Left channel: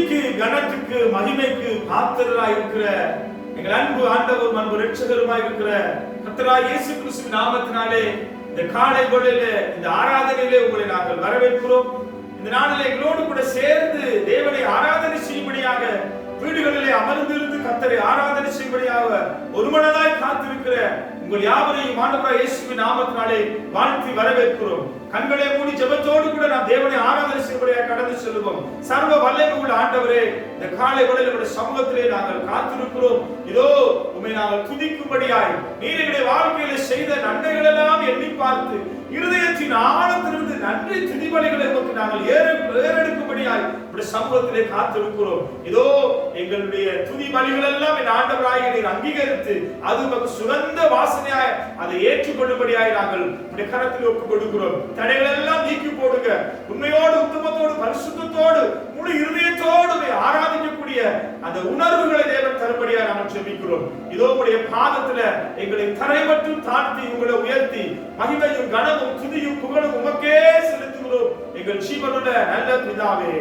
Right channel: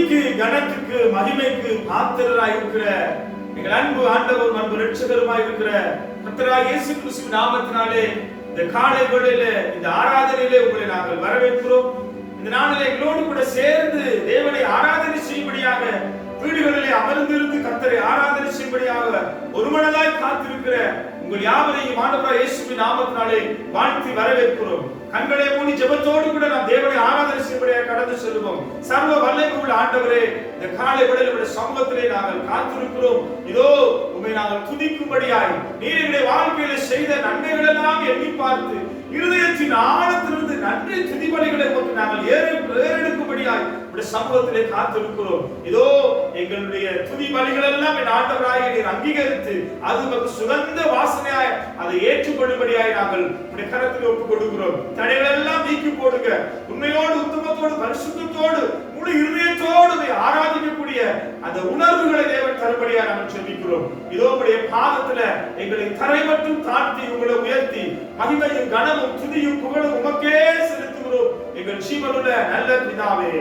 துதிக்கு, கனத்துக்கு, மகிமைக்கு பாத்திரராய் இருக்கிற எங்கள் அன்பு ஆண்டவரும் அன்பு இரட்சகருமாய் இருக்கிற கர்த்தராகிய இயேசு கிறிஸ்துவின் நாமத்தினாலே இந்த காலை வேளையிலே இந்த ஆராதனையிலே உங்களை நாங்கள் வரவேற்கிறோம். இந்த நாளிலே எங்களோடு கூட சேர்ந்து தேவனை ஆராதனை செய்யும்படியாக வீடுகளிலே அமர்ந்திருந்து கர்த்தரை ஆராதனை செய்யும்படியாக ஒருமனதாய் காத்திருக்கிற உங்கள் யாவரையும் ஆண்டவராகிய இயேசுவின் நாமத்தினாலே வாழ்த்தி வரவேற்கிறோம். கண்களை மூடி ஜெபத்தோடு கூட நாம் தேவனை ஆராதனை செய்யும்படியாக கடந்து செல்வோம். சர்வ வல்லமை உள்ள ஆண்டவரே, இந்த காலை வேளையிலே உம்முடைய சமூகத்திலே நாங்கள் காத்திருக்கிறோம். இதோ உம்மை நாங்கள் துதிக்கும்படியாய் நீர் எங்களுடைய வாழ்க்கையிலே செய்த நன்மைகள் எல்லாம் எண்ணி பார்த்து இருதயத்தின் ஆழத்திலிருந்து நன்றி துதிபலிகளை உமக்கு நாங்கள் ஏறெடுக்கும்படியாய் உம்முடைய சமூகத்திலே காத்திருக்கிறோம். இதோ எங்களுடைய துதி பலிகள் எல்லாம் என் ஆண்டவராகிய நீர் அங்கீகரித்து அது உமக்கு சுகந்த வாசனையாய் அதை ஏற்றுக்கொள்ளும்படியாய் நாங்கள் உம்முடைய கரத்தில் ஒப்புக் கொடுக்கிறோம். தடைகள் எல்லாம் நீக்கி போடுங்க. உண்மையோடு, உத்தமத்தோடு, பரிசுத்தத்தோடு, முழு இருதயத்தோடு ஆராதிக்கக்கூடிய அந்த உணர்வுகளை தேவன் தரும்படியா நாங்கள் ஜெபிக்கிறோம். இதோ உம்முடைய பாதத்துல எங்களை தரை மட்டும் தாழ்த்தி உங்களை உயர்த்தி மகிமையும் கனமும் துதியும் புகழும் உமக்கே செலுத்துகிறோம் எங்கள் ஜீவனுள்ள நல்ல பிதாவே.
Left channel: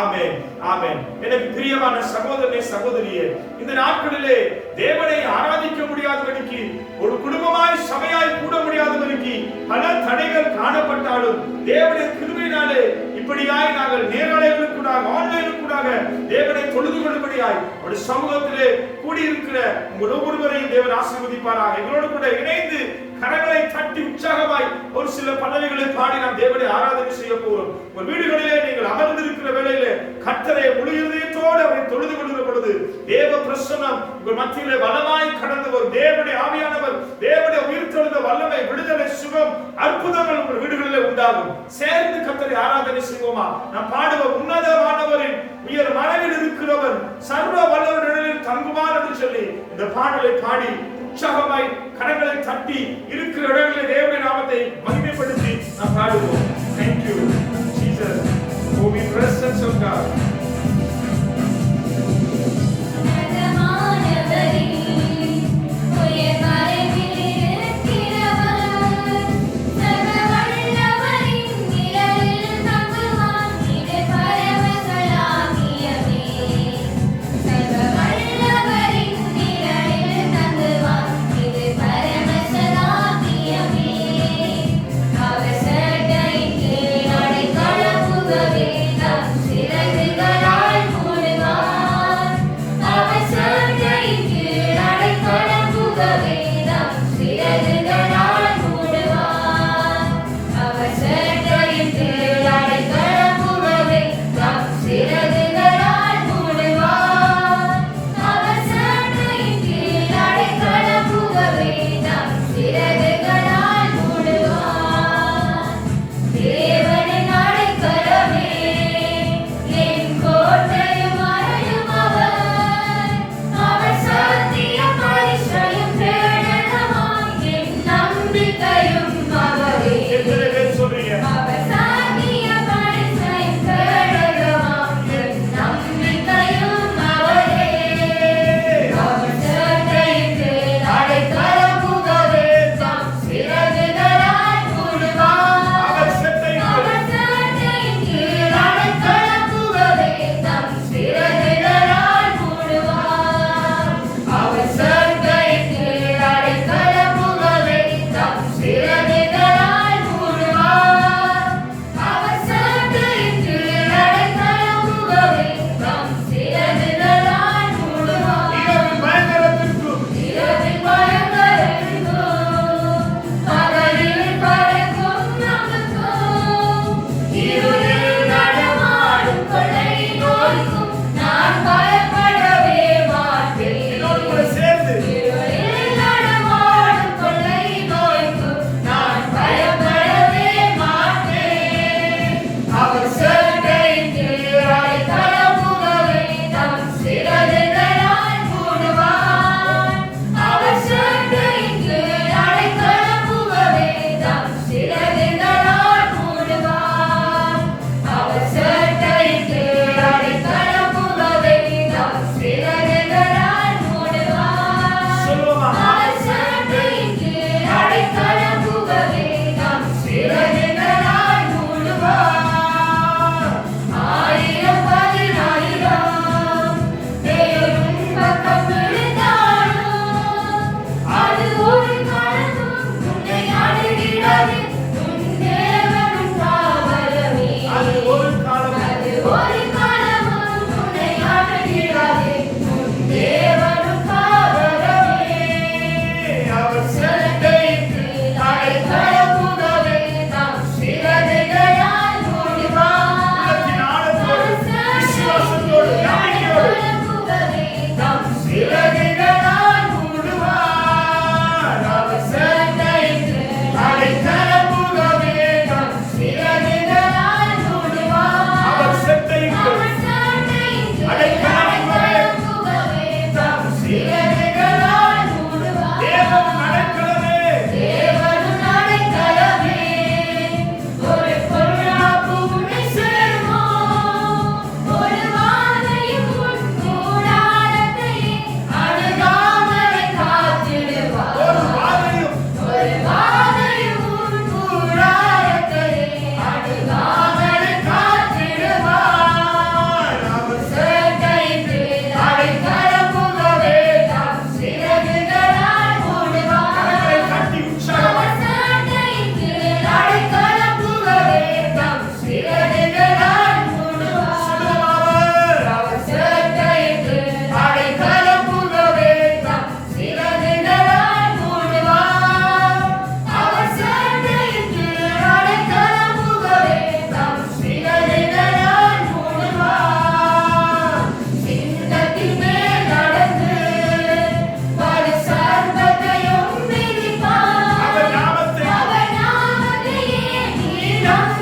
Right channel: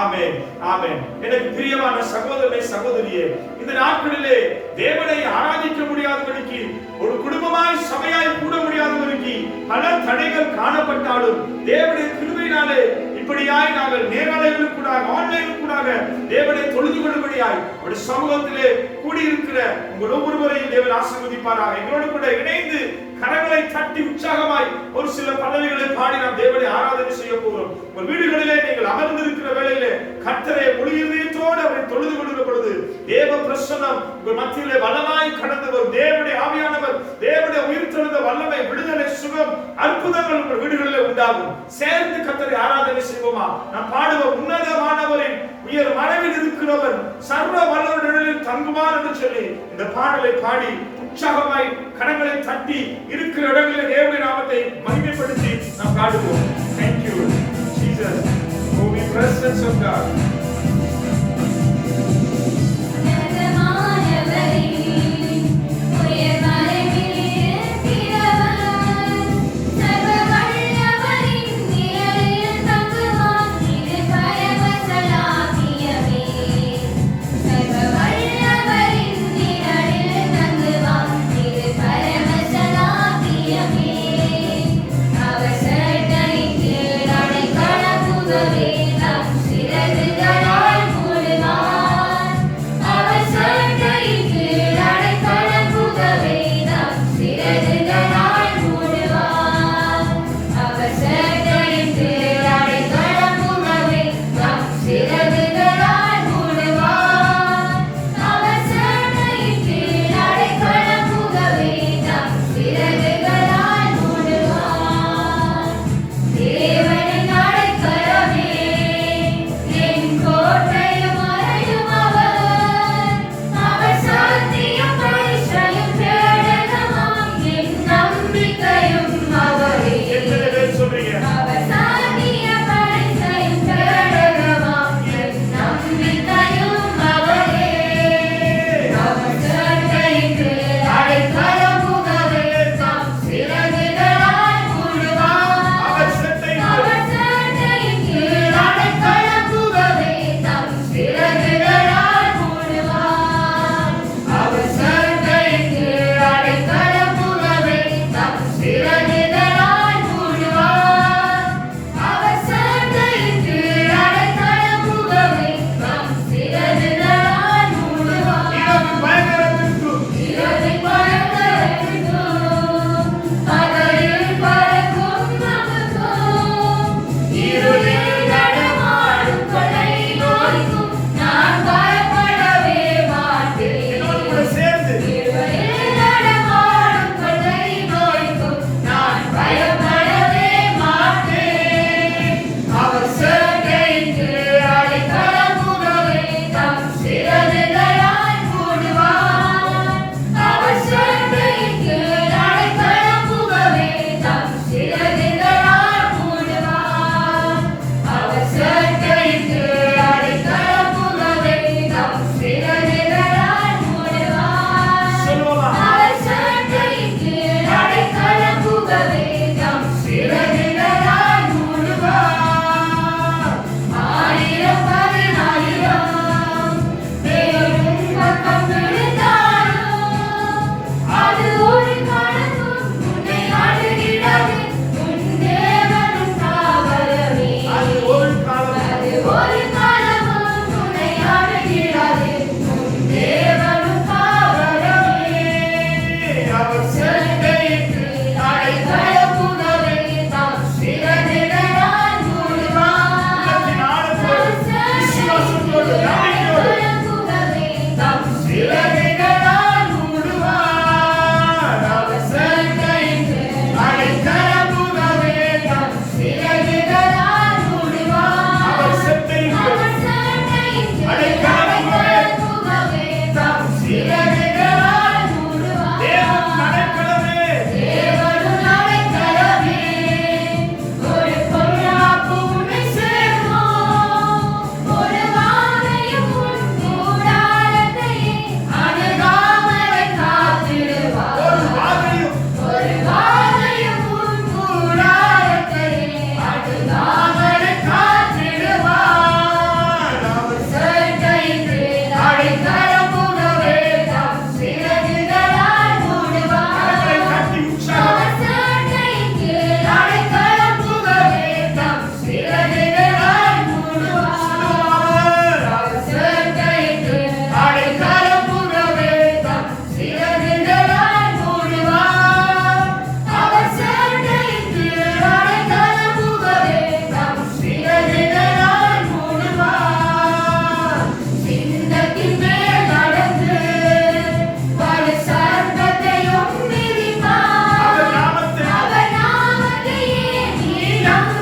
ஆமென், ஆமென். எனக்கு பிரியமான சகோதரனே, சகோதரியே, இந்த நாட்களிலே தேவனை ஆராதிக்க முடியாதபடிக்கு, ஒரு குடும்பமாய் சபையாய் கூட முடியாதபடிக்கு பல தடைகள் காணப்பட்டாலும் தேவனுடைய கிருபையினாலே இப்படியாய் நாங்கள் நேரலைகளுக்கூடாக ஆன்லைனுக்கூடாக தேவனை தொழுது கொள்ளும்படியாய் அவருடைய சமூகத்திலே கூடியிருக்கிற உங்கள் ஒவ்வொருவரையும் தேவன் ஆசீர்வதிப்பாராக. எங்களோடு கூட இணைந்து கரங்களை தட்டி உற்சாகமாய் ஒரு சில பல்லவிகளை பாடி நாம் தேவனை ஆராதனை செய்ய போகிறோம். உங்கள் வீடுகளிலே நீங்கள் அமர்ந்திருக்கிற வேளையிலே கர்த்தரை முழு இதயத்தோடு அவரை தொழுது கொள்கிற பொழுது தேவ பிரசன்னம் உங்கள் மத்தியிலே வல்லமாய் கடந்து வரும். தேவனுடைய ஆவியானவர், தேவனுடைய உயிர்த்தெழுந்த வல்லமை, விடுதலை, சுகம், அற்புதங்கள் உங்கள் வீடுகளிலே உண்டாகும். சேர்ந்து கர்த்தரை ஆராதனை செய்வோமா? நாம் பாடுவோம். உன்னதமானவரின் உயர் மனவில் இருக்கிறவர் சர்வ வல்லவரின் தங்குவார் என்று சொல்லி இந்த பாடலை பாடி உற்சாகமாய் கரங்களை தட்டி இருக்கிற இடங்களில் தேவனுடைய நாமத்தை மகிமைப்படுத்தி நாம் பாடுவோம். Thank you Jesus for the presence of God. அவர் சட்டை கீழ் அடை கலப்புகவே நம் சிறகுகள்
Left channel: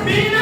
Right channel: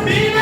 தேவ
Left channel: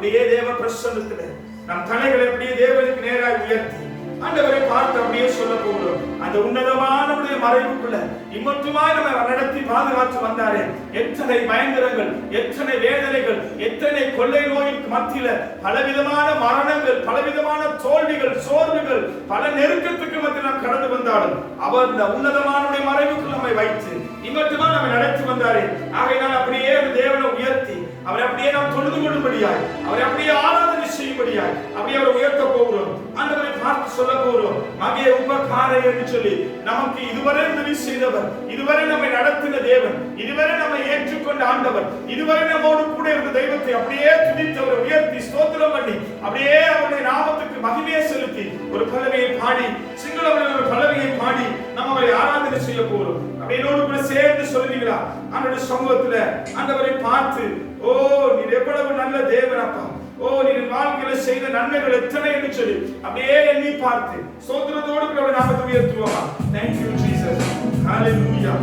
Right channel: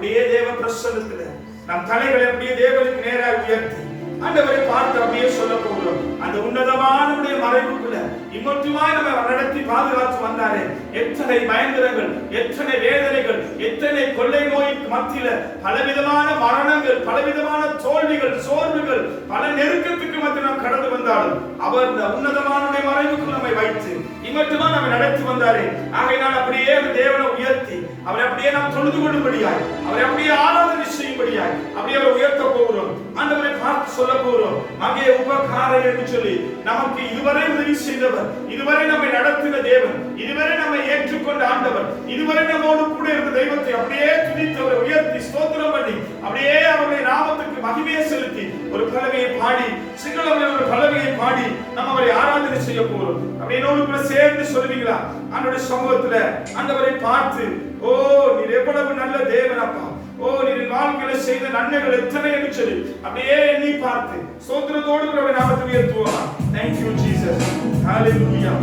அப்படியே தேவ பிரசன்னத்துல நம் தலைகளை அப்படியே தேவனுக்கு நேராக உயர்த்தி ஆண்டவரை பார்த்து அப்படியே சொல்ல போகிறோம். அந்த உன்னதமான மறைவுக்குள்ள இம்மட்டுமாய் நம்ம நடத்தி பாதுகாத்து வந்தாரே, எத்தனை பயங்கரங்கள், எத்தனை வேதனைகள், எத்தனை கொள்ளை நோய்க்கு மத்தியில பலவிதமான மரணங்கள், பலவிதமான தோல்விகள், சோர்வுகள், பல நெருக்கத்துக்கு மத்தியில் நாம் கடந்து வந்தாலும் அவர் இந்த உன்னதமான மறைவுக்குள் நம்மை வைத்து இம்மட்டுமா நம்ம நடத்தி வந்தாரே. ஆகையினால் அப்படியே தேவனை உயர்த்தி அவரை அப்படியே நாம் தொழுது கொள்ளும்படியாய், அவரை அப்படியே ஆராதனை செய்யும்படியாய் அப்படியே அவரை உயர்த்த போகிறோம். ஆண்டவரை பார்த்து சொல்ல போகிறோம். மகே உபகாரை என்று சொல்லி நமக்கு இதுவரை உதவி செய்தவர், இதுவரை நம்மை நடத்தின தேவன், இதுவரை நம்மை ஏற்றுக்கொண்ட ஆண்டவர், இதுவரை நம்மோடு கூட இருந்த தெய்வத்தை அப்படியே துதித்தவரை உயர்த்தி ஸ்தோத்திரம் பண்ணி அப்படியே அவருடைய நாமத்துக்கு மகிமையை செலுத்தி ஒரு பல்லவியை பாடி, சிங்களவர்கள் ஒரு பல்லவியை பாடி நம்ம அவரை ஆராதனை செய்ய போகிறோம். அப்படியே என்னோடு கூட சேர்ந்து சொல்லுவீங்களா? ஆண்டவருடைய சமூகத்துல ஆண்டவரை பார்த்து, ஓ நீர் எவ்வளவு நல்ல தேவன் அப்பா, ஓ நீர் வாழ்க்கையில செய்த நன்மைகள் எத்தனை என்று சொல்லி அப்படியே எண்ணி பார்த்து ஸ்தோத்திரத்தோடு கூட நாமத்தை உயர்த்துவோமா? Thank you Jesus, hallelujah.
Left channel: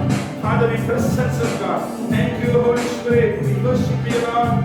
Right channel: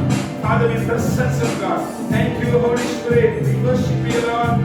Father, we presence of God. Thank you Holy Spirit, we worship you Lord.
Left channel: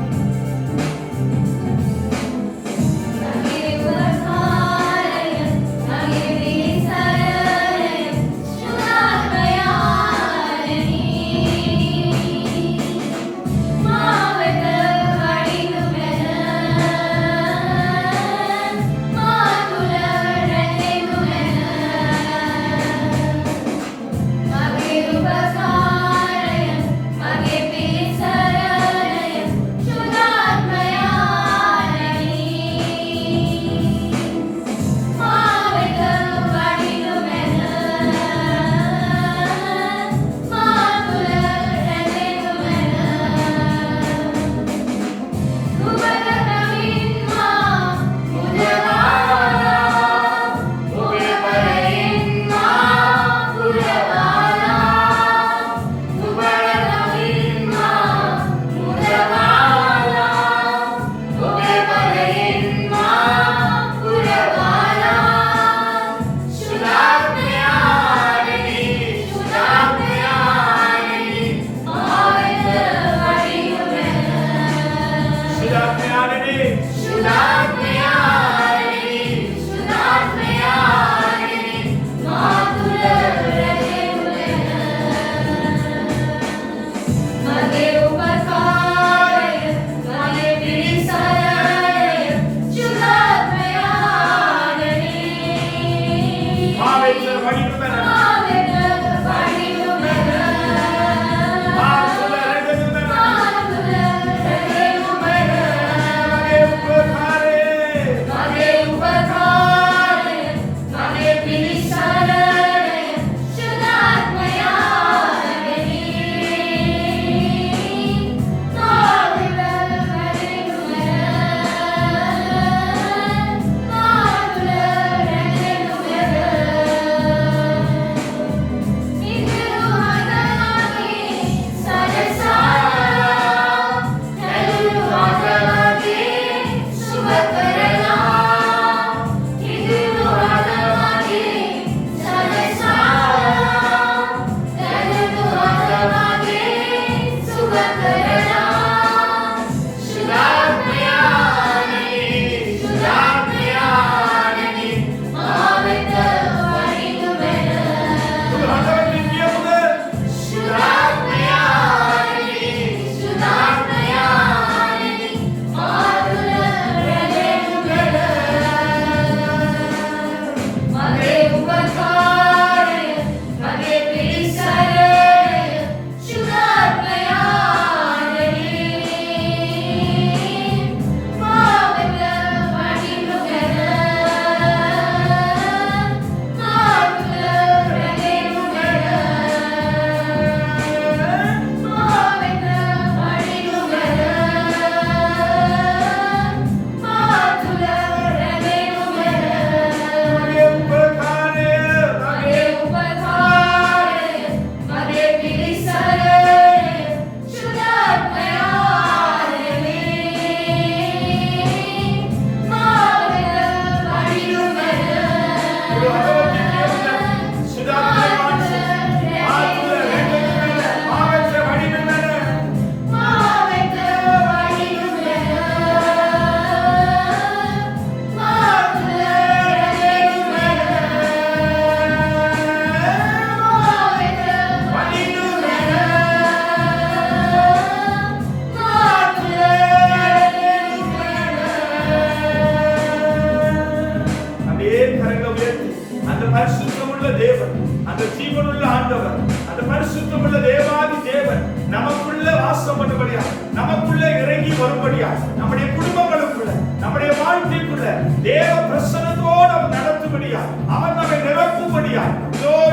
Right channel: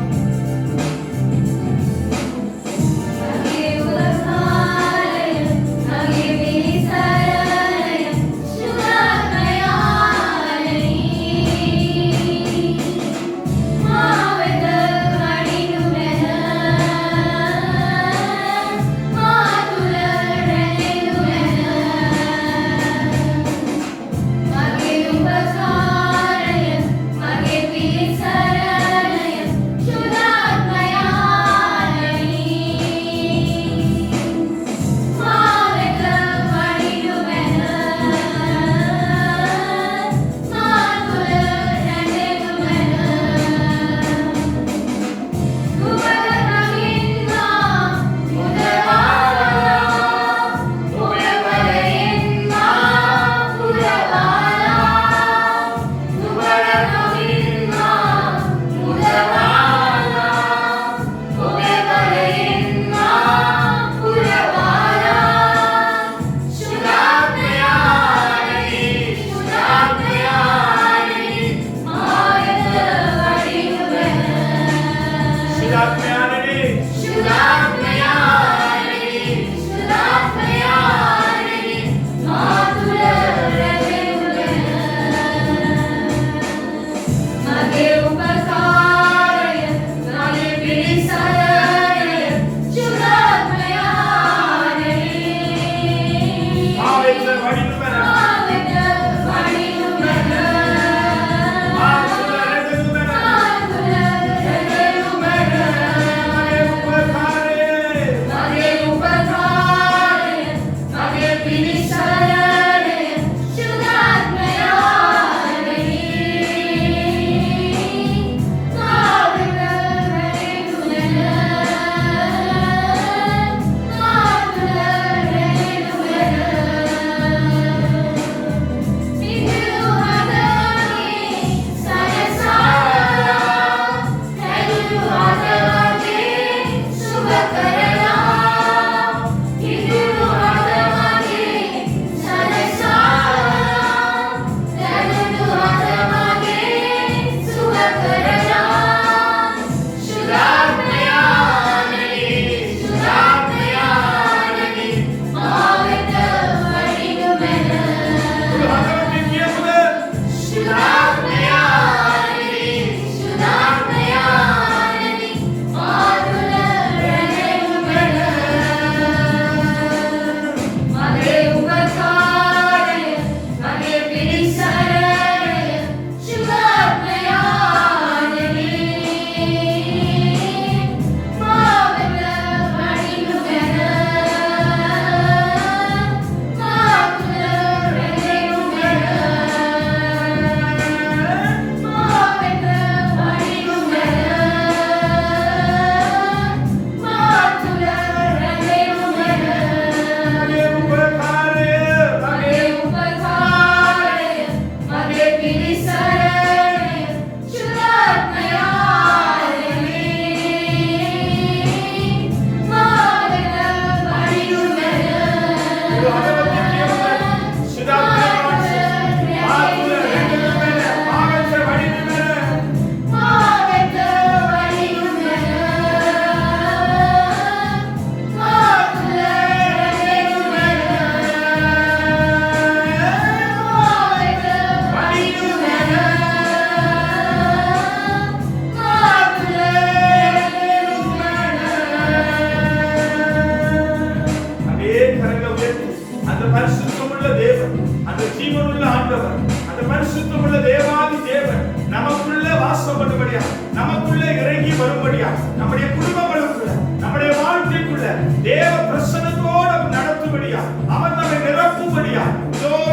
அந்த ஜீவனுள்ள ஆண்டவர், அந்த பரிசுத்தமுள்ள தேவாதி தேவன் நமக்குள்ள வாசம் பண்ணும்படியா, நமக்குள்ள இறங்கி வரும்படியா, நம்முடைய குடும்பங்களுக்குள்ள, நம்முடைய வாழ்க்கைக்குள்ள தேவ பிரசன்னத்தோடு அவர் நடத்தும்படியா, அவர் நம்மை நிரப்பும்படியா,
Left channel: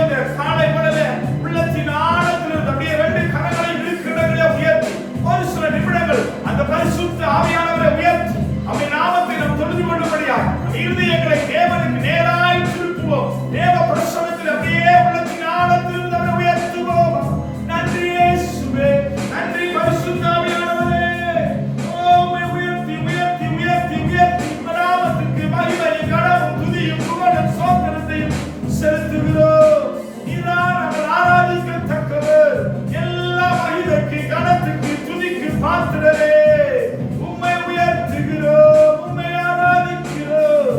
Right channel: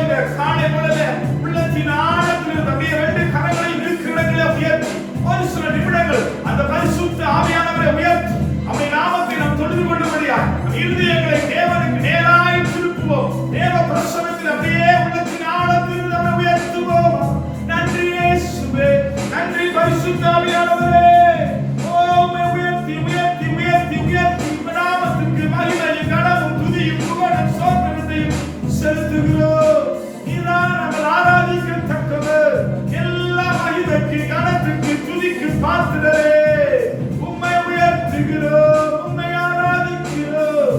இந்த காலை பொழுதுல உள்ளத்தின் ஆழத்திலிருந்து அப்படியே 2 கரங்களை இருக்கிற உயர்த்தி ஒரு சில நிமிடங்கள் அந்த பரிசுத்த ஆவியானவரை உயர்த்தி அவருடைய நாமத்தை நாம் தொழுது கொள்ளும்படியா இருதயங்களை தேவனுக்கு நேராய் திருப்புவோம். தேவ பிரசன்னத்தில் அப்படியே உள்ளத்தின் ஆழத்தில் நம்மை உயர்த்துவோம். நன்றி இயேசுவே, நன்றி பரிசுத்த ஆவியானவரே. உம்மை உயர்த்தி உயர்த்தி உயர்த்தி உயர்த்தி நாமத்துக்கு மகிமையும் கனமும் துதியும் புகழும் ஸ்தோத்திரத்தையும் செலுத்துகிறோம். நீதான் நாங்கள் ஆராதிக்கத்தக்கவர். எல்லா மகிமைக்கு கனத்துக்கு துதிக்கு பாத்திரரே. உம்மை உயர்த்துகிறோம், உம்மை ஆராதிக்கிறோம்.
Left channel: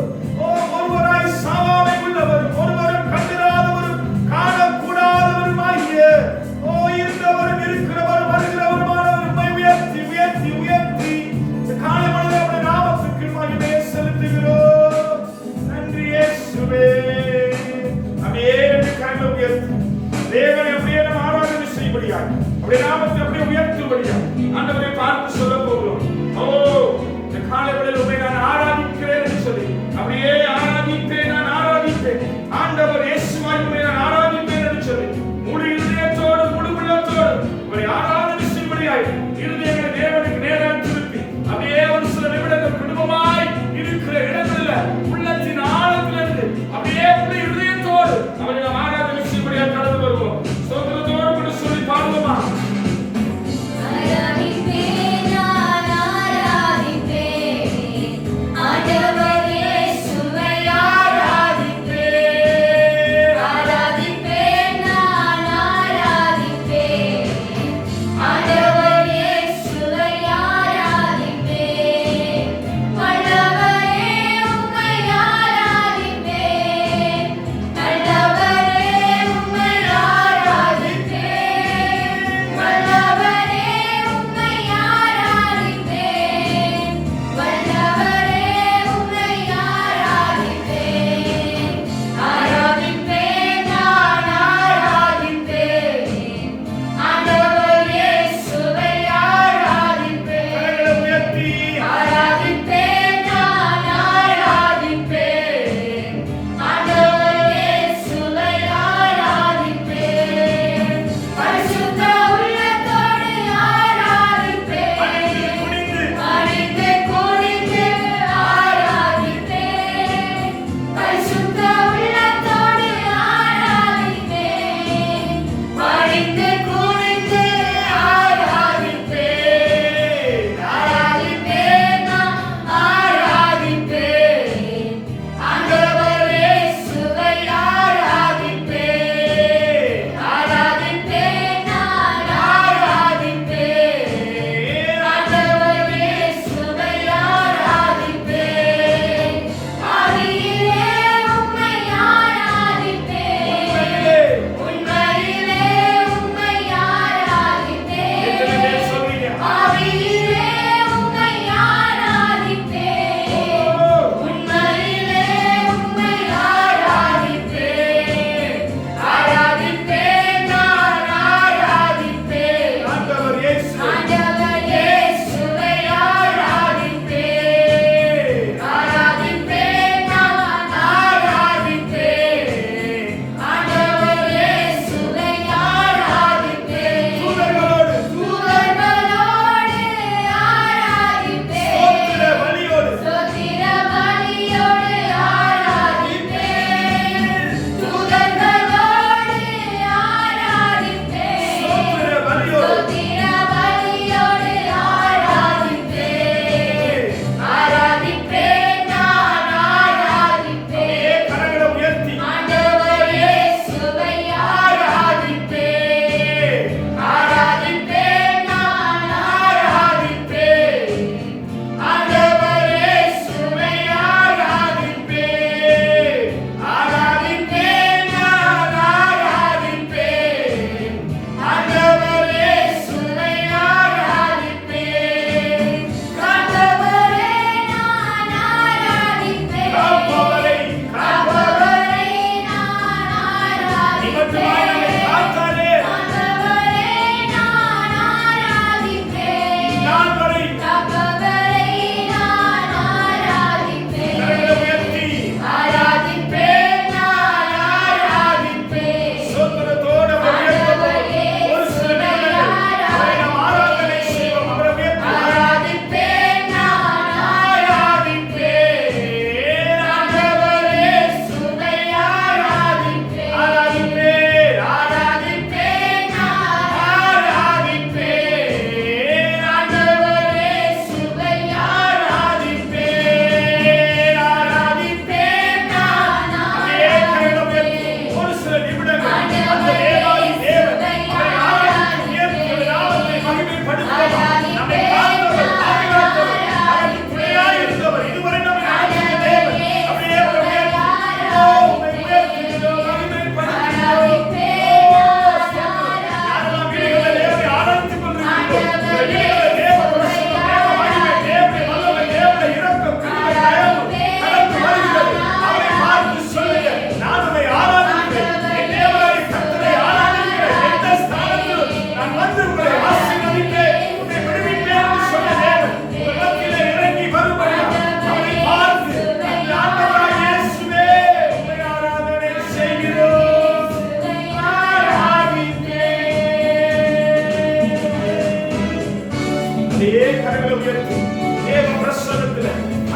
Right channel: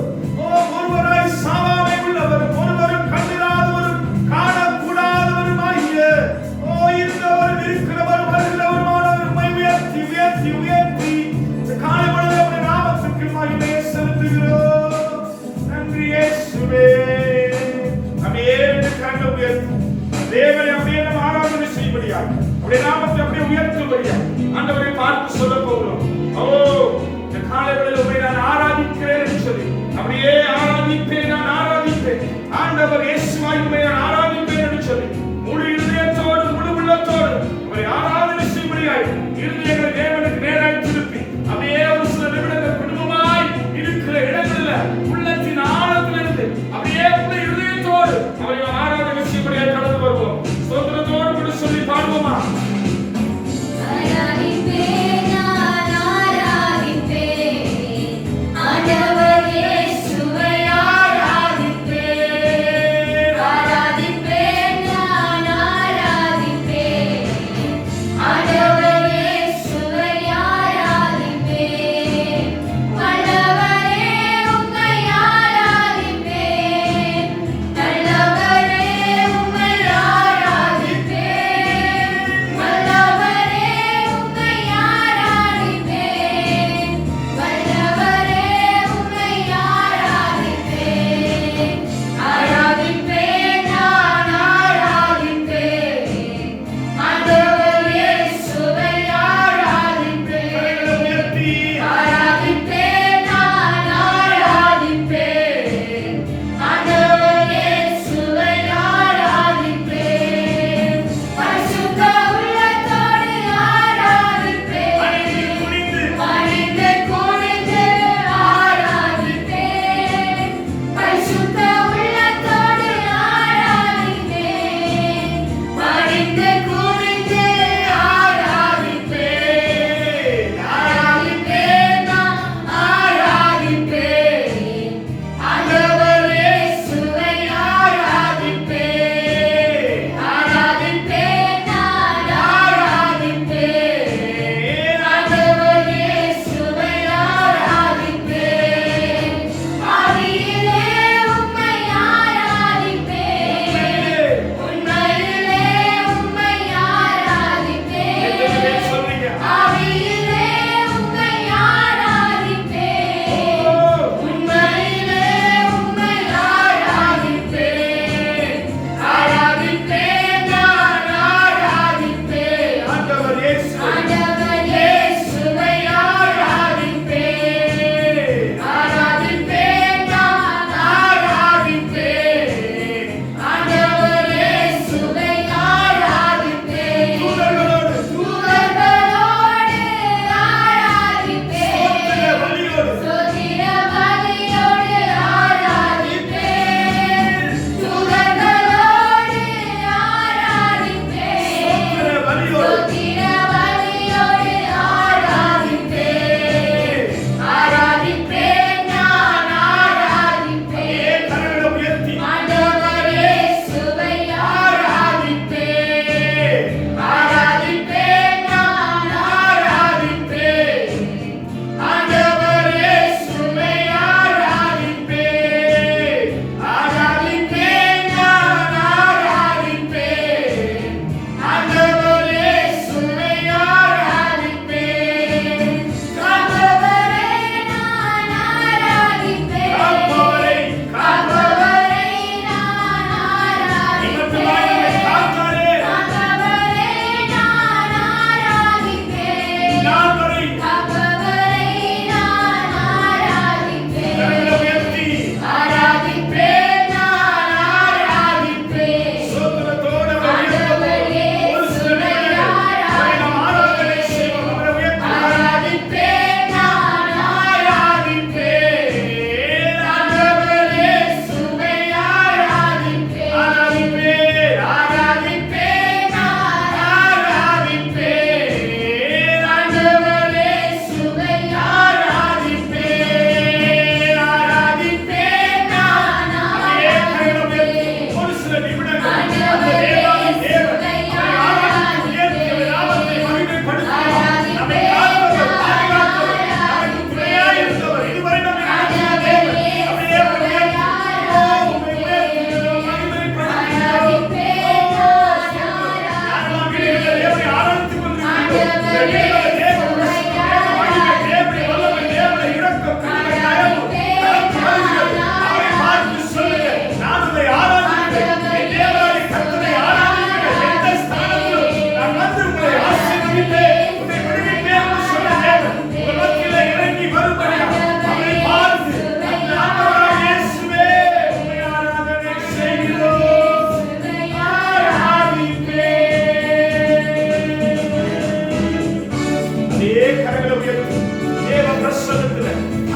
ஒருவராய் சாவாமை உள்ளவரும் ஒருவரும் கண்டிராதவரும் காணக்கூடாதவருமாகிய இருந்தவரும் இருக்கிறவரும் வருகிறவருமானவர் உம்மை உயர்த்தி உயர்த்தி உயர்த்தி காலை பொழுது நாமத்துக்கு மகிமை செலுத்துகிறோம். நன்றி இயேசுவே. அப்படியே 2 கரங்களை உயர்த்தி தேவனை அப்படியே நம்ம ஆராதனை செய்யும்படியா, அப்படியே நாமத்தை அப்படியே உயர்த்தும்படியா ஆண்டவரை பார்த்து சொல்ல போகிறோம். இந்த காலை வேளையில் உம்மை நான் ஆராதிக்கிறேன் என்று சொல்லி அப்படியே ஆராதிப்பேன், நான் ஆராதிப்பேன் ஆண்டவர் இயேசுவாய் உம்மை நான் ஆராதிப்பேன் என்று சொல்லி முழு இதயத்தோடு முழு உள்ளத்தோடு உம்மை ஆராதனை செய்யும்படியாய் இருதயங்களை தேவனுக்கு நேராக திருப்பி அப்படியே ஒரு சில நிமிடங்கள் குடும்பமாய் இருக்கிற இடங்களில் உள்ளத்தின் ஆழத்திலிருந்து அப்படியே முழு இதயத்தோடு அவரை நாம் ஆராதனை செய்யும்படியாய் கடந்து வருவோம். ஸ்தோத்திரத்தோடு கூட சொல்லி பாடுவோமா? ஆராதிப்பேன், நான் ஆராதிப்பேன்.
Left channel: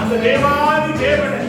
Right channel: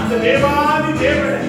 அந்த தேவாதி தேவனை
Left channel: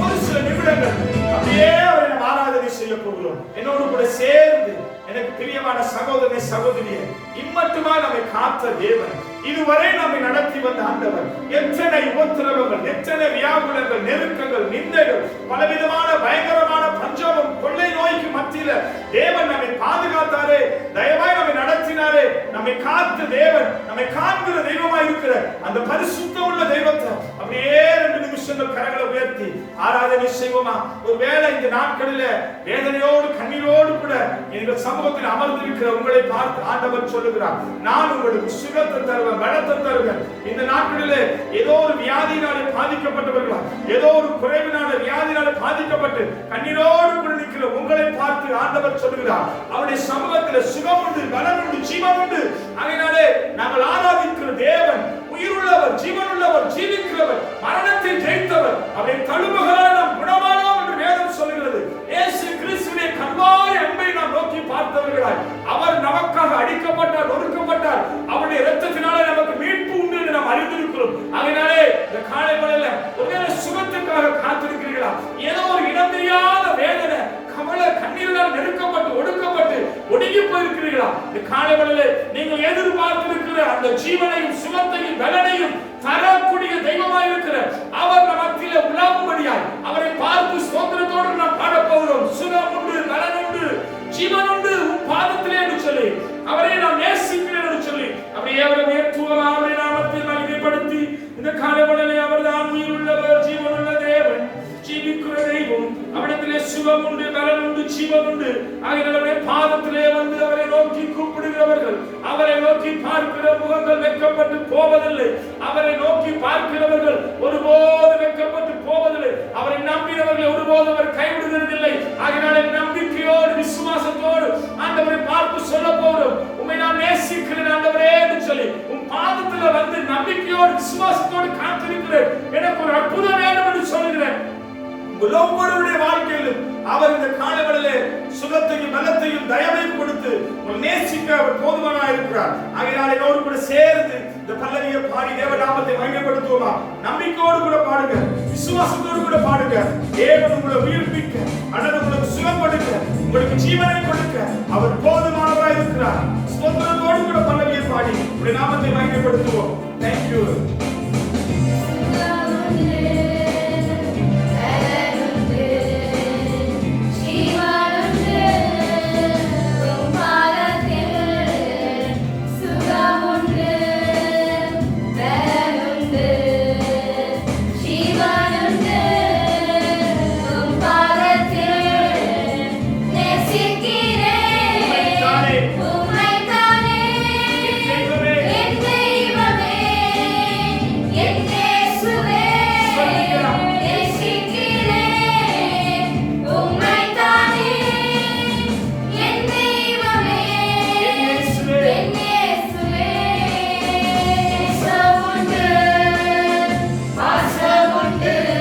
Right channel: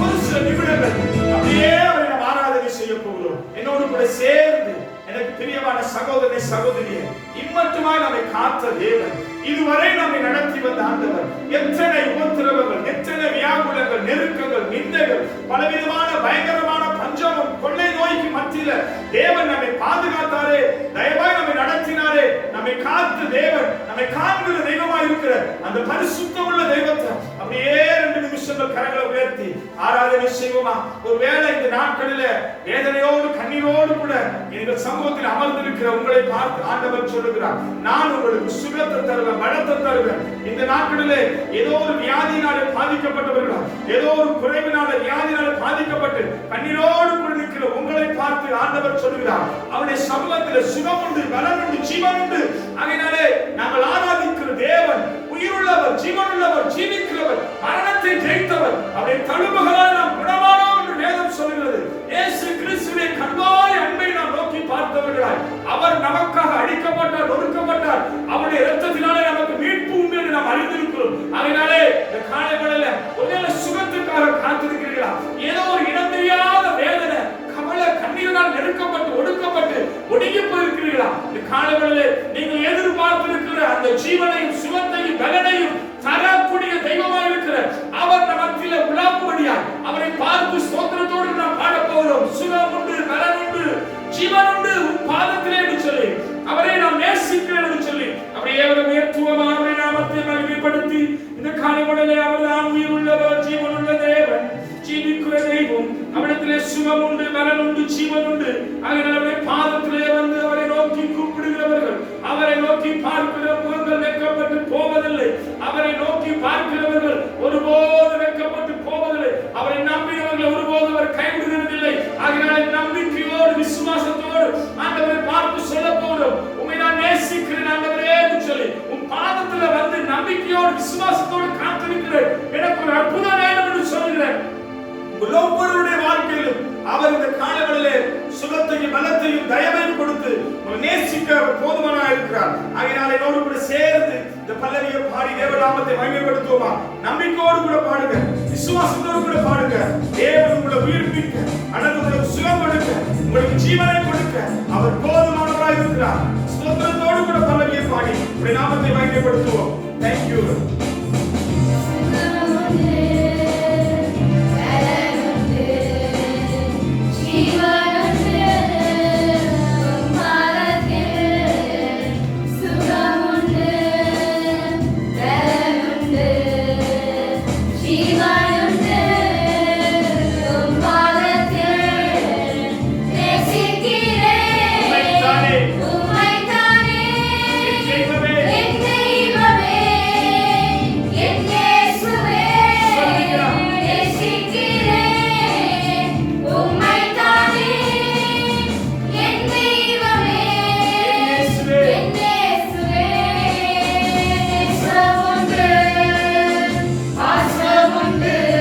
ஒரு சில நிமிடங்கள் அப்படியே அவரை நாம் ஆராதனை செய்ய போகிறோம். என்னோடு கூட சேர்ந்து எனக்கு பிரியமான சகோதரனை சகோதரியே, இம்மட்டுமா நம்மை காத்த தேவன், இதுவரை நம்மை நடத்தி வந்த ஆண்டவர், எத்தனை உபத்திரவங்கள், எத்தனை வியாகுலங்கள், நெருக்கங்கள், நிந்தைகள், பலவிதமான பயங்கரமான பஞ்சமும் கொள்ளை நோய்க்கு மத்தியில தேவன் நம்மை பாதுகாத்தாரே, தயவாய் நம்மை நடத்தினாரே, நம்மை காத்த தேவன், நம்மை காண்கிற தெய்வமாய் இருக்கிற அந்த பரிசுத்தம் உள்ள தெய்வத்தை அப்படியே 2 நிமிஷங்கள் கரங்களை உயர்த்தி ஆராதனை செய்வோமா? ஒருவேளை இந்த நாட்களில வேதனையோடு கண்ணீரோடு கூட எங்கள் சமூகத்தில் அமர்ந்திருக்கிற உங்களை பார்த்து ஆண்டவர் சொல்லுகிறார், நான் உங்களுக்கு சுகத்தை தருவேன், பலத்தை தருவேன். இந்த நாட்களிலே ஏதோ ஒரு வியாதியினாலே பாதிக்கப்பட்டவர்களா, ஏதோ ஒரு குறைவினால வியாதியினாலே பாதிக்கப்பட்டு கண்ணீரோடு கூட நிற்கிற உங்களை பார்த்து ஆண்டவர் சொல்லுகிறார், அவருடைய சமூகத்தில் சுகம் உண்டு, பலம் உண்டு, ஜீவன் உண்டு. அதனாலே நாங்கள் ஆராதிக்கிற தேவன் உயிருள்ளவர், ஜீவனுள்ளவர், ஜீவிக்கிறவர், மரணத்தை ஜெயித்தவர், அவரை தழும்புகளால் நாம் குணமானோம் என்று வேதம் சொல்கிறது. இயேசு கிறிஸ்துவின் கண்பாய் அன்பை நாம் நோக்கி பார்த்தவர்களாய், அவர் நமக்காக அடிக்கப்பட்டார், ஒடுக்கப்பட்டார், அவருடைய இரத்தத்தினாலே நமக்கு மீட்பு உண்டு என்று நாம் அறிந்திருக்கிறோம். அதனாலே இந்த காலை வேளையில ஒருவேளை சுகத்துக்காக காத்திருக்கிறீர்களா? ஏதோ ஒரு இனம் தெரியாத வேதனை, கவலை, கண்ணீரினால் நெருக்கப்பட்டு ஒடுக்கப்பட்டு ஒடுங்கி போயிருக்கிறீர்களா? இந்த காலை வேளையில நீங்கள் எதிர்பார்த்திருக்கிற அந்த ஜீவனையும் சுகத்தையும் பலனையும் தரக்கூடிய தெய்வமாய் இருக்கிற அவர் நம் மத்தியில உலாவும்படியாய் அவரை பார்த்து ஸ்தோத்திரத்தோடு நாம் பாடப் போகிறோம். சுகம் உண்டு, பலன் உண்டு, ஜீவன் உண்டு உன் பாதத்திலே என்று சொல்லி அவரை நாம் நேசிக்கிறேன் என்று சொல்லி அப்படியே அவரை உயர்த்துவோமா? அவரை நாமத்தை மகிமைப்படுத்தி இந்த காலை வேளையிலே அவர்தான் உயிர் உள்ளவர், ஜீவன் உள்ள தேவன், ஜீவிக்கிற தெய்வம், அவரிடத்திலே சுகம் உண்டு, பலன் உண்டு, ஜீவன் உண்டு. ஆகையால் அவருடைய பாதத்திலே வந்து அவரை நோக்கி கூப்பிடுகிறவர்கள், அவரை நோக்கி பார்க்கிற முகங்கள் வெட்கப்பட்டு போவதில்லை. அவரை நோக்கி பார்க்கிறவர்கள் ஒருபோது வெட்கப்பட்டு போவதில்லை. அவரை நம்பினவர்களை ஒருபோது அவர் கைவிடுகிறதில்லை. ஆகையால் நம்பிக்கையோடு விசுவாசத்தோடு ஆண்டவரை பார்த்து சொல்ல போகிறோம், உம்மை நான் நேசிக்கிறேன் ஆண்டவரே என்று சொல்லி உன் பாதத்துல வந்து நம்பிக்கையோடு விசுவாசத்தோடு காத்திருக்கிறேன், எனக்கு ஒரு அற்புதம் வேண்டும் என்று சொல்லுகிறேன். ஒவ்வொருவருடைய வாழ்க்கையிலும் அவர் இந்த காலவெளியிலே சுகத்தையும் பலத்தையும் தயவையும் கொடுத்து உங்களை நேசிக்க அவர் போதுமானவராக இருக்கிறார். ஆகையால் என்னோடு கூட சேர்ந்து இந்த பல்லவியை பாடி தேவநாமத்தை மகிமைப்படுத்துவோமா? நம்பிக்கையோடு கூட பாடுங்க, விசுவாசத்தோடு கூட பாடுங்க. தேவன் உங்களை உயிர்ப்பிக்க அல்லது உங்களுக்கு சுகம் கொடுக்க, உங்களுக்கு ஜீவனை கொடுக்க அவர் போதுமானவராக இருக்கிறார். ஸ்தோத்திரத்தோடு கூட பல்லவியை பாடி உங்களுடைய நாமத்தை மகிமைப்படுத்துவோம். தேங்க்யூ. Yeah.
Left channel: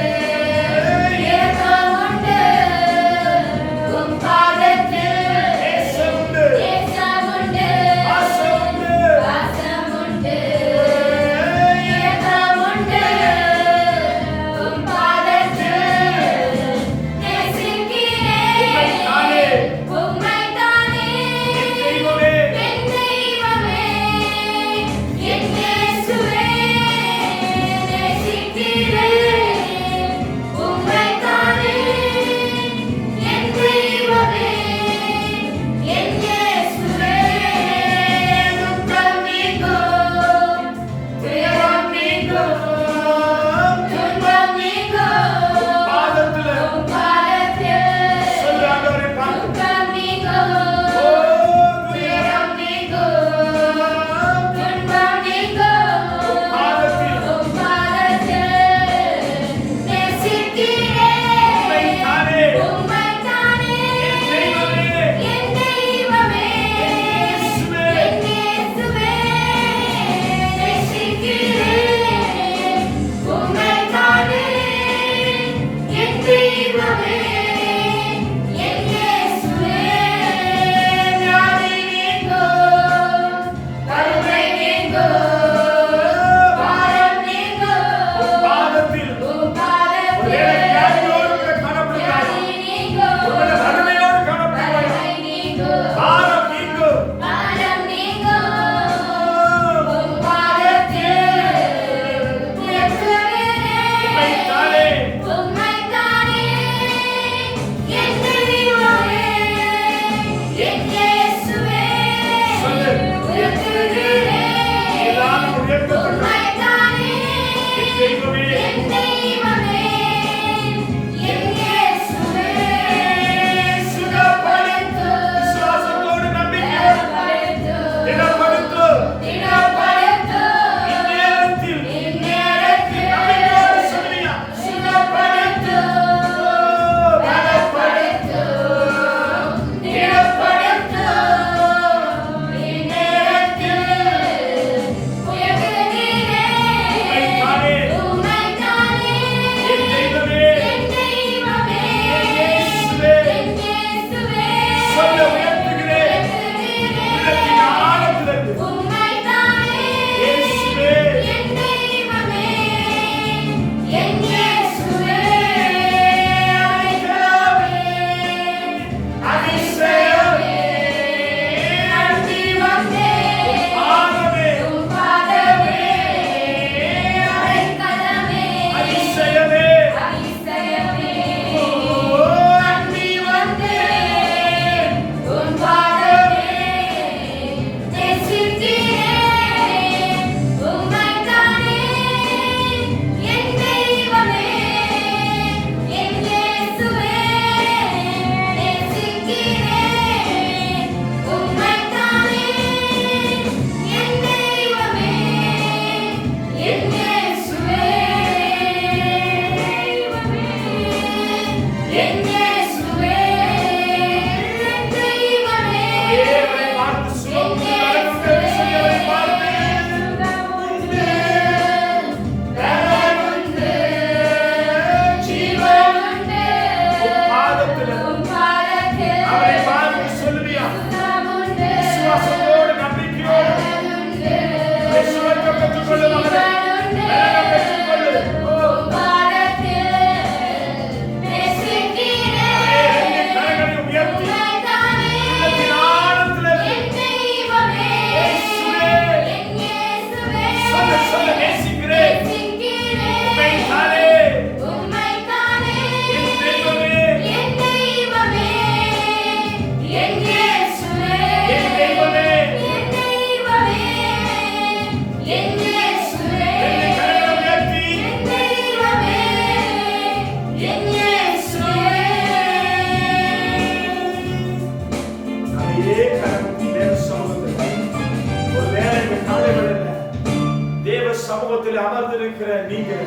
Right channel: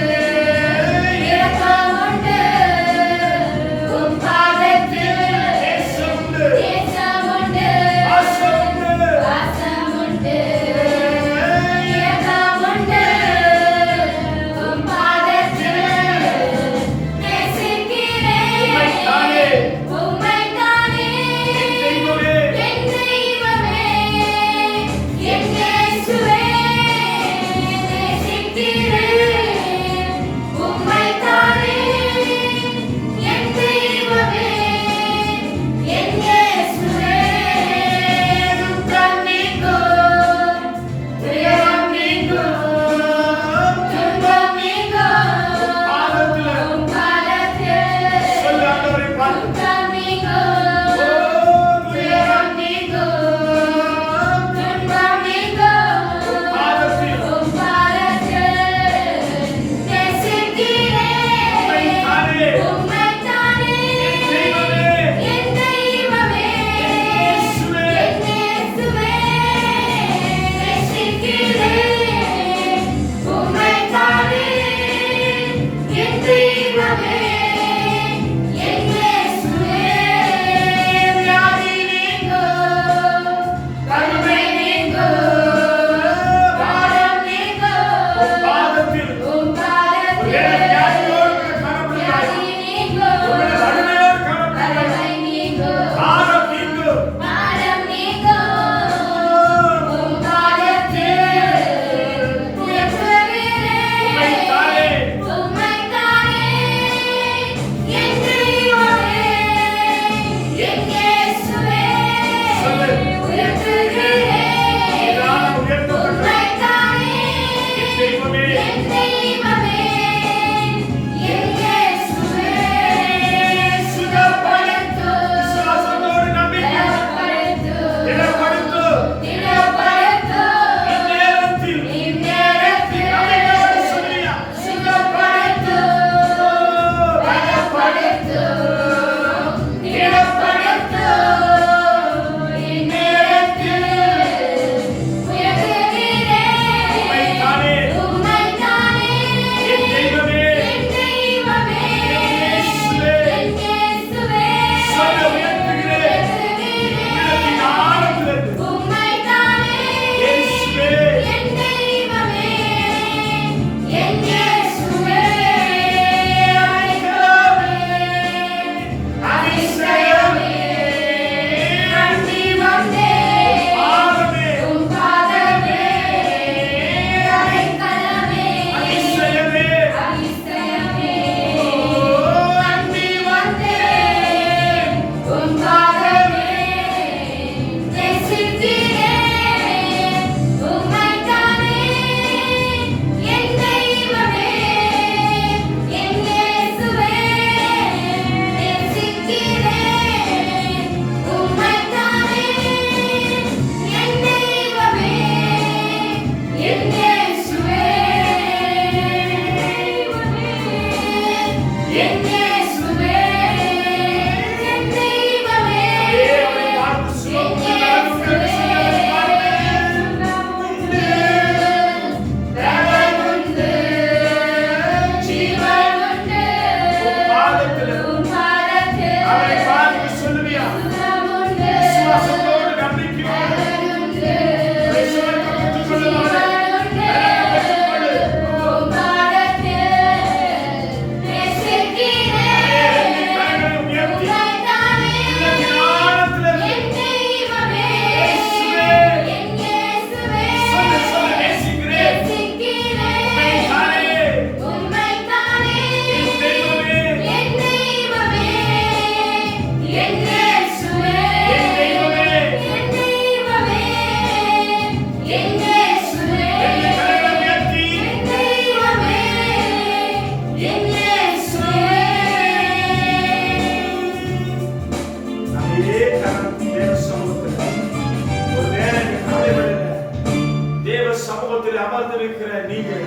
அமர்ந்திருக்கிற நீங்கள்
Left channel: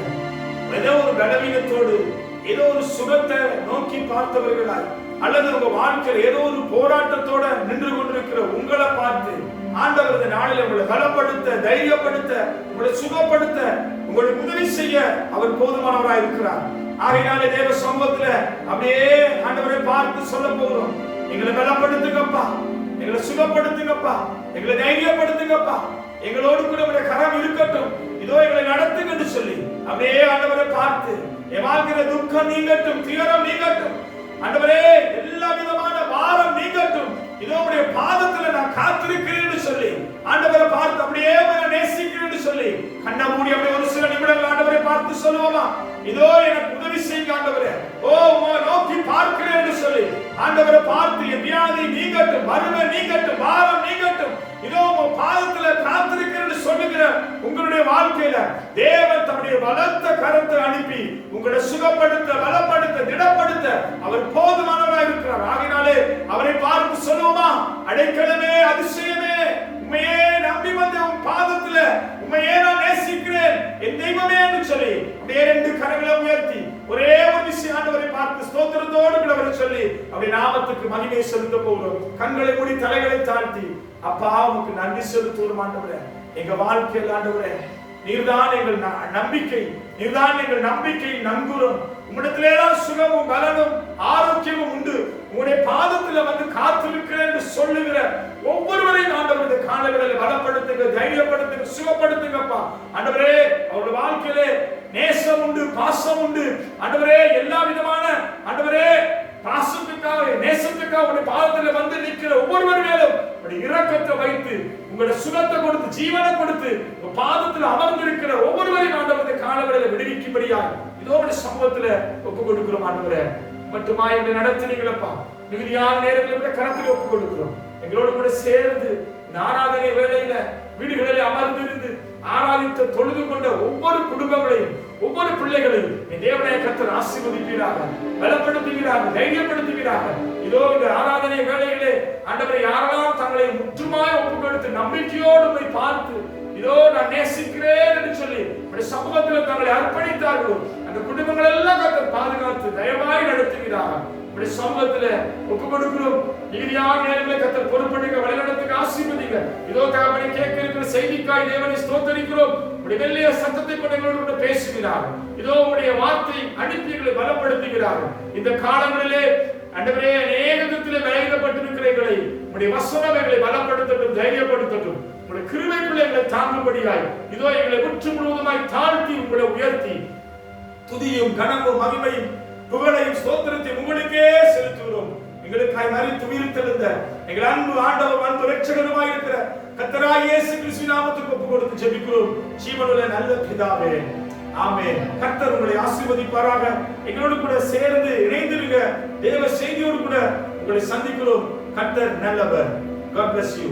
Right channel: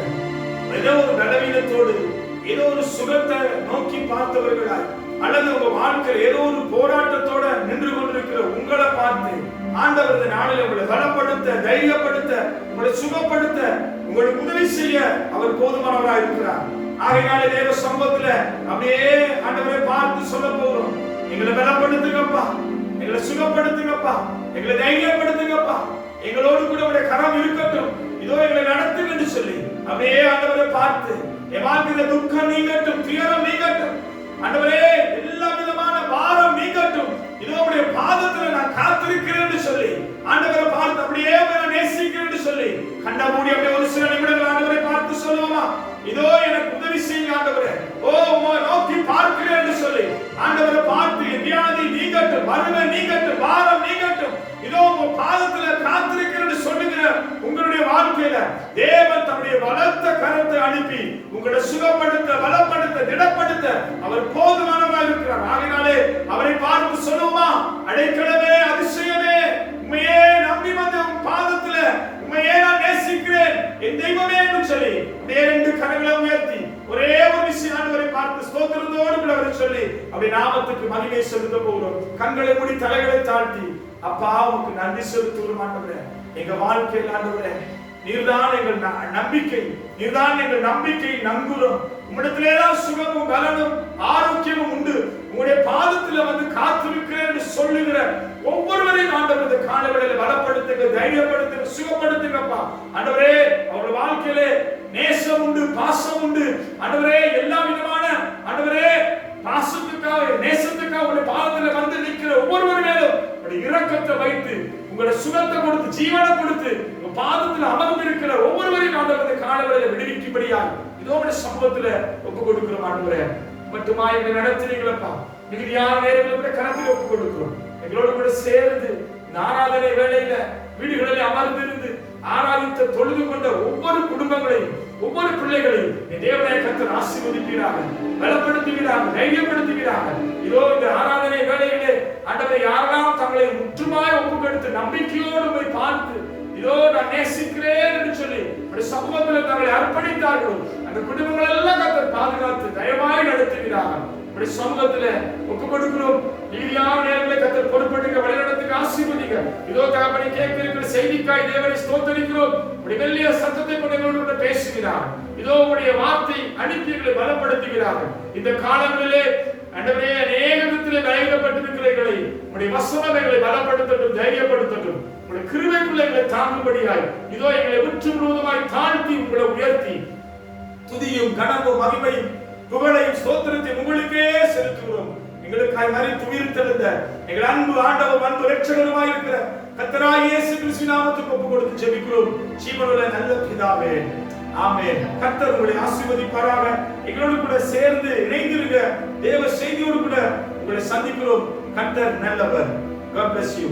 ஏதோ ஒரு பலவீனத்தோடு ஏதோ ஒரு சுகத்தை நோக்கி பார்த்தவர்களாய் அல்லது உங்க வாழ்க்கையில் ஏதோ ஒரு போராட்டத்தோட நின்று கொண்டிருக்கிற உங்களை பார்த்து ஆண்டவர் இந்த நாளில் உங்களை பலப்படுத்த, தைரியப்படுத்த, உங்களை சுகப்படுத்த, உங்களுக்கு உதவி செய்ய அவர் போதுமானவராய் இருக்கிறார். ஆகையினாலே தேவ சமூகத்துல அப்படியே ஆண்டவரை பார்த்து சொல்ல போகிறோம், எங்களை பலப்படுத்துங்கப்பா, எங்களை சுகப்படுத்துங்கப்பா, எங்களை தைரியப்படுத்துங்கப்பா, எங்களோடு கூட உங்களுடைய கரம் இருக்கட்டும், இதோ எங்களை நடத்துங்க என்று சொல்லி அப்படியே ஆண்டவரை பார்த்து என் வாழ்க்கையில துக்கம் நீங்கட்டும், துயரம் நீங்கட்டும், ஆண்டவரே எல்லா விதமான பாரம் நீங்கட்டும், இதோ உடைய பாதத்துல நான் காத்திருக்கிறேன் என்று சொல்லி ஆண்டவரை பார்த்து அப்படியே நேசிக்கிறேன் என்று சொல்லி கண்ண மூடி அப்படியே ஒரு சில நிமிடங்கள் ஆண்டவரை பார்த்து சொல்லுவோமா, இதோ எனக்கு உதவி செய்யுங்க ஆண்டவரே, ஓ உம்மை நோக்கி பார்க்கிறேன் என்று சொல்லி ஆண்டவரை பார்த்து என் வியாதி நீங்கட்டும், வறுமை நீங்கட்டும், பாரம் நீங்கட்டும், இதோ உங்க பாதத்துல காத்திருக்கிறேன் என்று சொல்லுகிற உங்களுடைய வாழ்க்கையில தேவன் தம்முடைய பலத்த கரத்தை அனுப்பி உங்களை சுகப்படுத்த, பலப்படுத்த, திடப்படுத்த அவர் போதுமானவராய் இருக்கிறார். ஆகையினாலே அவரை பார்த்து சொல்லுவோமா, அடைக்கலமே, அதிசயமே, உம்மையே நம்பி வந்த உன் பாதத்துல உம்மையே நான் நேசிக்கிறேன் என் தெய்வமே என்று சொல்லி அப்படியே ரெண்டு கரங்களை உயர்த்தி ஒரே ஒரு விஷயம் ஆண்டவரை பார்த்து ஸ்தோத்திரத்தோடு விளவரை சொல்லி அப்படி நாமத்துக்கு மகிமை செலுத்த போகிறோம். கண்களை மூடி தலைகளை தாழ்த்தி அப்பா உமக்கு நன்றி செலுத்துவோம் ஆண்டவரே. எங்க வாழ்க்கையில் ஆண்டவரே நீர்தான் எங்கள் நம்பிக்கை, நீர்தான் எங்கள் நம்பிக்கையில் நங்குறோம். உம்மிடத்திலேதான் சுகமும் பலனும் ஆரோக்கியமும் உண்டு. உங்களுடைய பாதத்துல வந்து காத்திருக்கிறேன் என்று சொல்லுகிற ஒவ்வொருவரையும் ஆண்டவர் இந்த காலங்களில் பலப்படுத்துங்க, தைரியப்படுத்துங்க, சுகப்படுத்துங்கப்பா ஆண்டவரே. அவருடைய வாழ்க்கையிலே நேசம் உண்டு, பாசம் உண்டு ஆண்டவரே. எல்லா விதமான ஆண்டவரே பாசத்துக்காக, நேசத்துக்காக உங்களுடைய பாதத்துல வந்து நிற்கிற ஒவ்வொருவர் மேலும் இரக்கத்தை வைத்து உங்களுடைய சுகத்தை கொடுத்து, ஜீவனை கொடுத்து பாதத்தில் அமர்ந்திருக்கிற ஒவ்வொருவரையும் ஆண்டவருடைய காலங்களில் விடுவிக்கும்படியாய் இதோ உடைய சமூகத்துல ஒப்பு கொடுக்கிறோம் ஆண்டவரே. மட்டுமா எங்களை நடத்துனீங்களப்பா, மிகுதியான நேரங்களில் கரத்தில் ஒப்பு கொடுக்கிறோம். எங்களோடு கூட சேர்ந்து ஆராதனை வேளையில வீடுகளிலே அமர்ந்திருந்து ஆராதித்த தொழுது கொண்ட ஒவ்வொரு குடும்பங்களையும் ஒவ்வொரு பிள்ளைகளையும் தேவனைய கர்த்தர் ஆசீர்வதிப்பீராக, பலப்படுத்துவீராக, தைரியப்படுத்துவீராக. இதோ இந்த ஆராதனை வேளையிலே ஆண்டவரை யாரெல்லாம் தங்களை முற்றுமாய் ஒப்புக்கொடுத்து நம்பிக்கையோடு போய் பார்த்து இதோ நான் நேசிக்கிறேன் என்று சொல்லி சமூகத்தில் தங்களை அர்ப்பணித்தார்களோ அந்த குடும்பங்கள் எல்லாம் கர்த்தர் பாதுகாத்து தயவாய் நடத்துவீராக. சமூகத்துல ஒப்பு கொடுக்கிறோம். நீதியான நேரங்களை கர்த்தர் பொறுப்படுங்க, வழிநடத்துக்கு ஆசீர்வதிங்க. இதோ தகப்பனை கேட்க இருக்கிற செய்திக்காய் தேவனை ஸ்தோத்தரிக்கிறோம். உடைய மெல்லிய சத்தத்தை கொண்டு எங்களோடு பேசுகிறார். இதோ உடைய வார்த்தை அனுப்பி எங்களை பலப்படுத்துகிறார். இந்த காலங்களிலே ஆண்டவரே அநேக விதத்திலே பலவீனப்பட்டிருக்கிற எங்களை உடைய வசனம் எங்களை பலப்படுத்தட்டும், தைரியப்படுத்தட்டும். உடைய கிருபைக்குள்ளே எங்களை தாங்கும்படியாய் இதோ எங்களை முற்று முழுவதுமாய் தாழ்த்தி உங்களை உயர்த்தி துதியும் கனமும் மகிமையும் புகழையும் ஸ்தோத்திரத்தையும் உங்களுக்கே செலுத்துகிறோம். எங்களுக்காய் மரித்து உயிர்த்தெழுந்த எங்கள் அன்பு ஆண்டவர் அன்பு இரட்சகருமாய் இருக்கிற கர்த்தராகிய இயேசு கிறிஸ்துவின் நாமத்துக்கு ஒப்பு கொடுத்து ஜெபிக்கிறோம் ஜீவனுள்ள நல்ல பிதாவே, ஆமென். கர்த்தர் உங்களை ஆசீர்வதிப்பாராக. எங்களோடு கூட சேர்ந்து இணைந்திருங்க. தேவ செய்தியோடு கூட உங்களை சந்திக்கிறோம். கர்த்தர் நல்லவர். God bless you.